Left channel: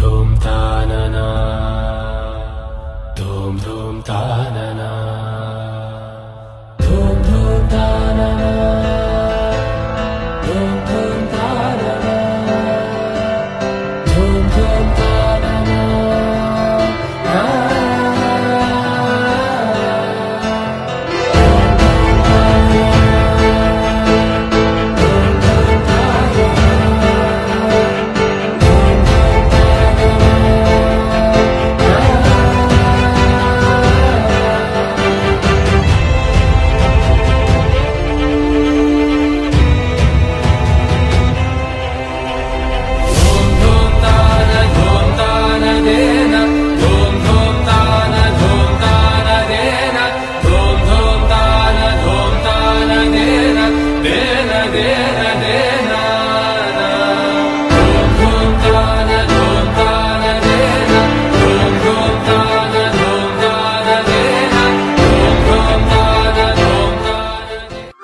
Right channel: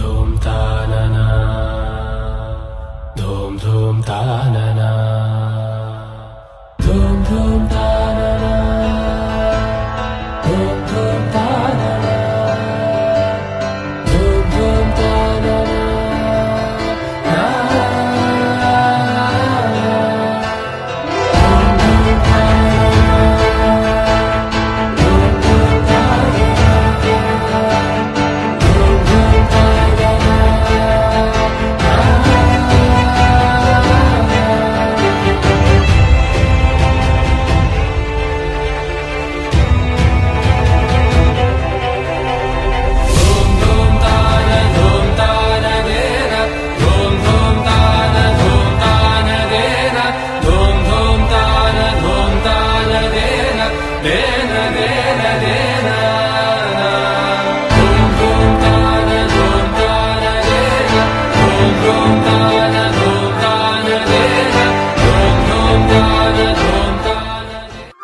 धूम तानना धूम धूम तानना धूम धूम तानना धूम धूम तानना धूम धूम तानना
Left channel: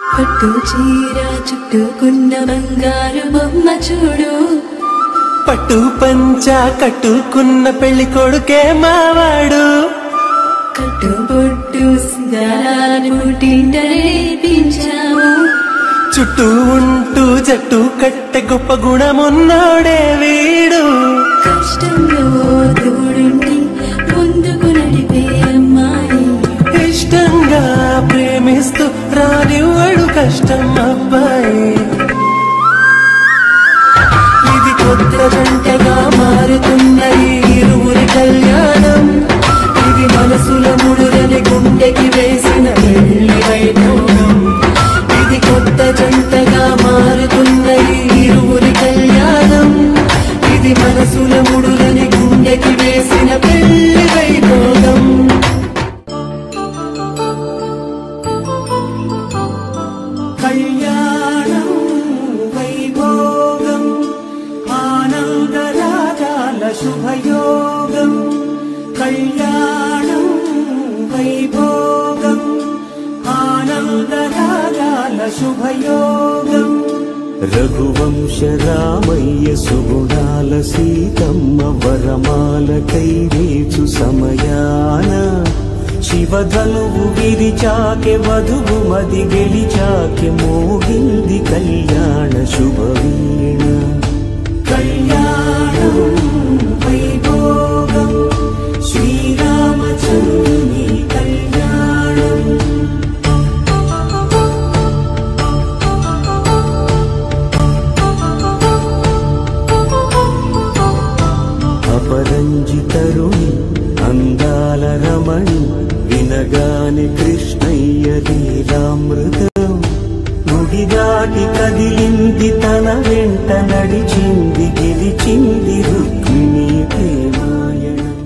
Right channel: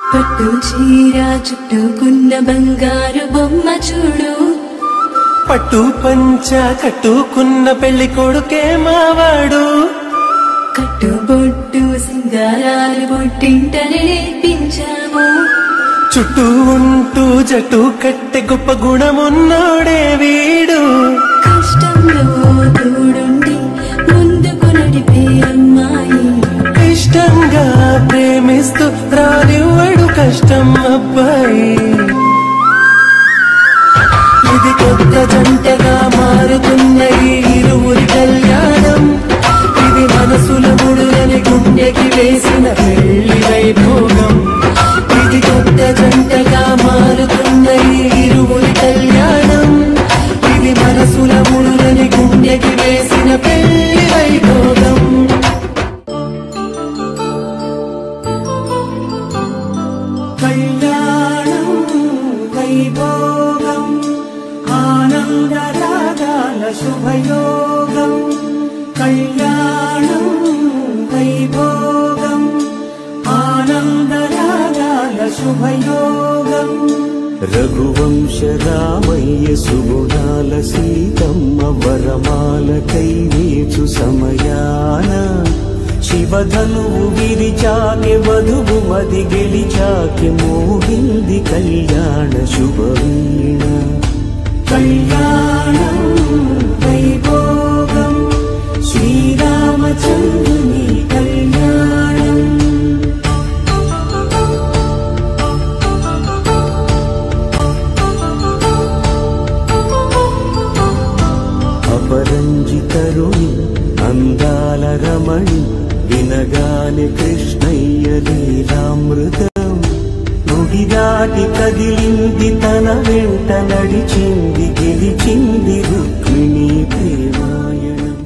పట్టు చీర చుట్టుకున్న బంగారు బొమ్మ చూడు పట్టు పంచ కట్టుకున్న పెళ్లి కొడుకే మావాడు కట్టుబొట్టు సింగారాల పొట్టింటనే నేర్పించాము చుట్టూ ఉంటూ జట్టు కట్టె గొప్ప గుణమున్నోడే వీడు కష్టంలో తోడుండి ముందుకు నడిపే అమ్మాయి ఇష్టంగా ప్రేమిస్తూ రానివ్వడు కష్టం అబ్బాయి ఇది కొత్త జంటగా మారుతున్న ఈ ఇరువురి కళ్యాణం ఇది మనసుల ముడులని గుండెకి వేసిన పెళ్లి వైభోగం ఇది కొత్త జంటగా మారుతున్న ఈ ఇరువురి కళ్యాణం ఇది మనసుల ముడులని గుండెకి వేసిన పెళ్లి వైభోగం కళ్యాణం వైభోగం ఆనందరాగాల శుభయోగం కళ్యాణం వైభోగం ఆనందరాగాల శుభయోగం రఘువంశ రామయ్య సుగుణాల సీతమ్మ వరమాల కైవేచు సమయాన శివధనువు విరిచాకె వధువు మది గెలిచాకె మోగింది కళ్యాణ శుభవీణ కళ్యాణం వైభోగం శ్రీరామచంద్రుని కళ్యాణం అపరంజి తరుణి అందాల రమణి వినగానే కృష్ణయ్య లీలామృతం గుడి దాటి కదిలింది తన వెంట నడిచింది గెలిచింది రుక్మిణి ప్రేమాయణం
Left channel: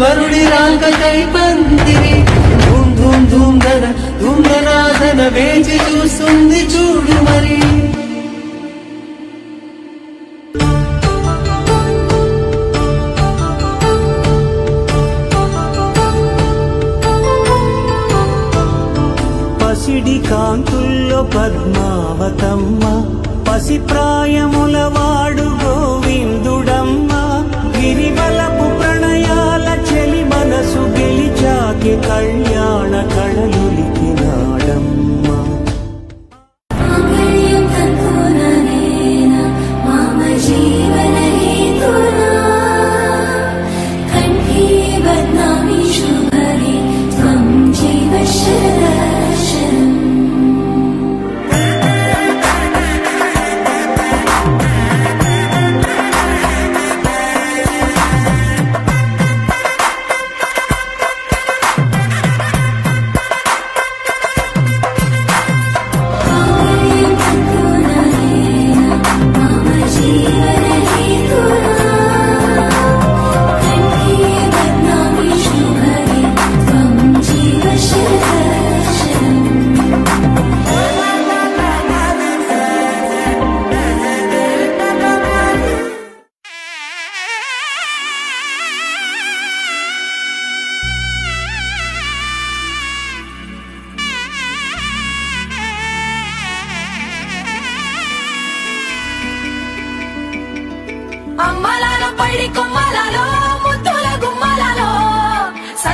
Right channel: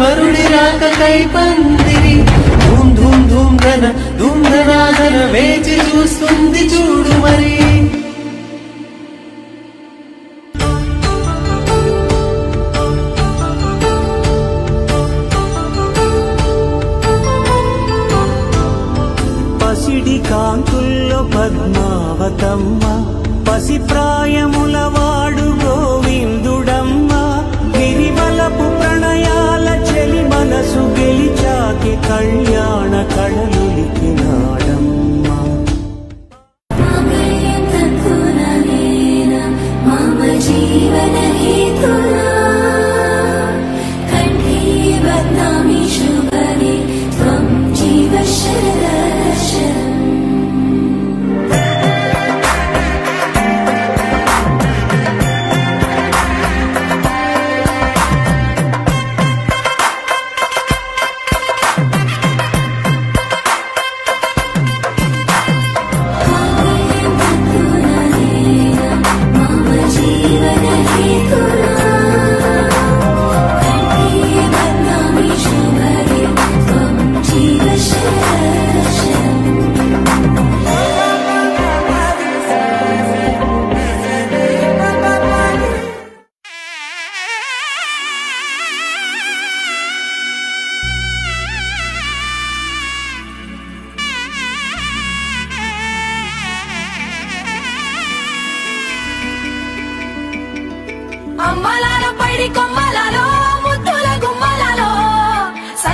వరుడి రాక కై పందివి ధూమ్ ధూమ్ ధూమ్ ధన ధూమ్ ధనాధన వేచి చూస్తుంది చూడు మరి పసిడి కాంతుల్లో పద్మావతమ్మ పసిప్రాయముల వాడు గోవిందుడమ్మ గిరివలపు ప్రణయాల చెలి మనసు గెలిచాకే కళ్యాణ కళలులికినాడమ్మ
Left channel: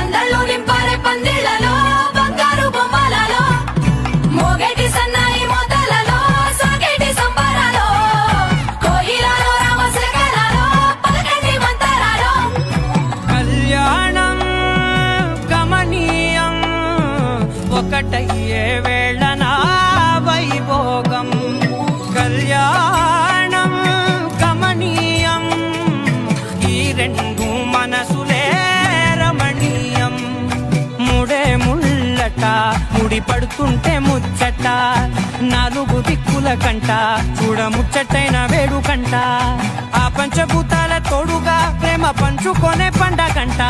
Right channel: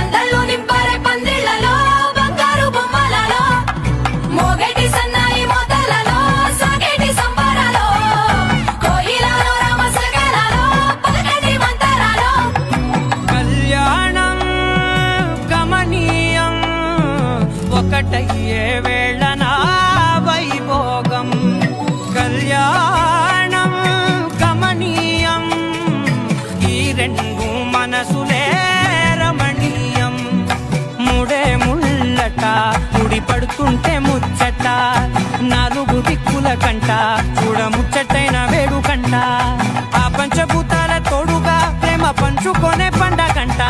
సందళ్ళు నింపారే పందిళ్లలో బంగారు బొమ్మలలో మోగేటి సన్నాయి మోతలలో సాగేటి సంబరాలో కోయిలలో రామశకలలో పలకటి మంతరాలో కళ్యాణం గమనీయం ఒకటయ్యే వేళ నా వైభోగం కళ్యాణం గమనీయం ఈ రెండు మనసులే రమణీయం ముడే ముళ్ళట ముడి పడుతుంటే ముచ్చట నాలుగు దిక్కుల కంట చూడ ముచ్చటైన వేడుకంట ఆ పంచభూతాల తోడుగా ప్రేమ పంచుకొనే పండగంట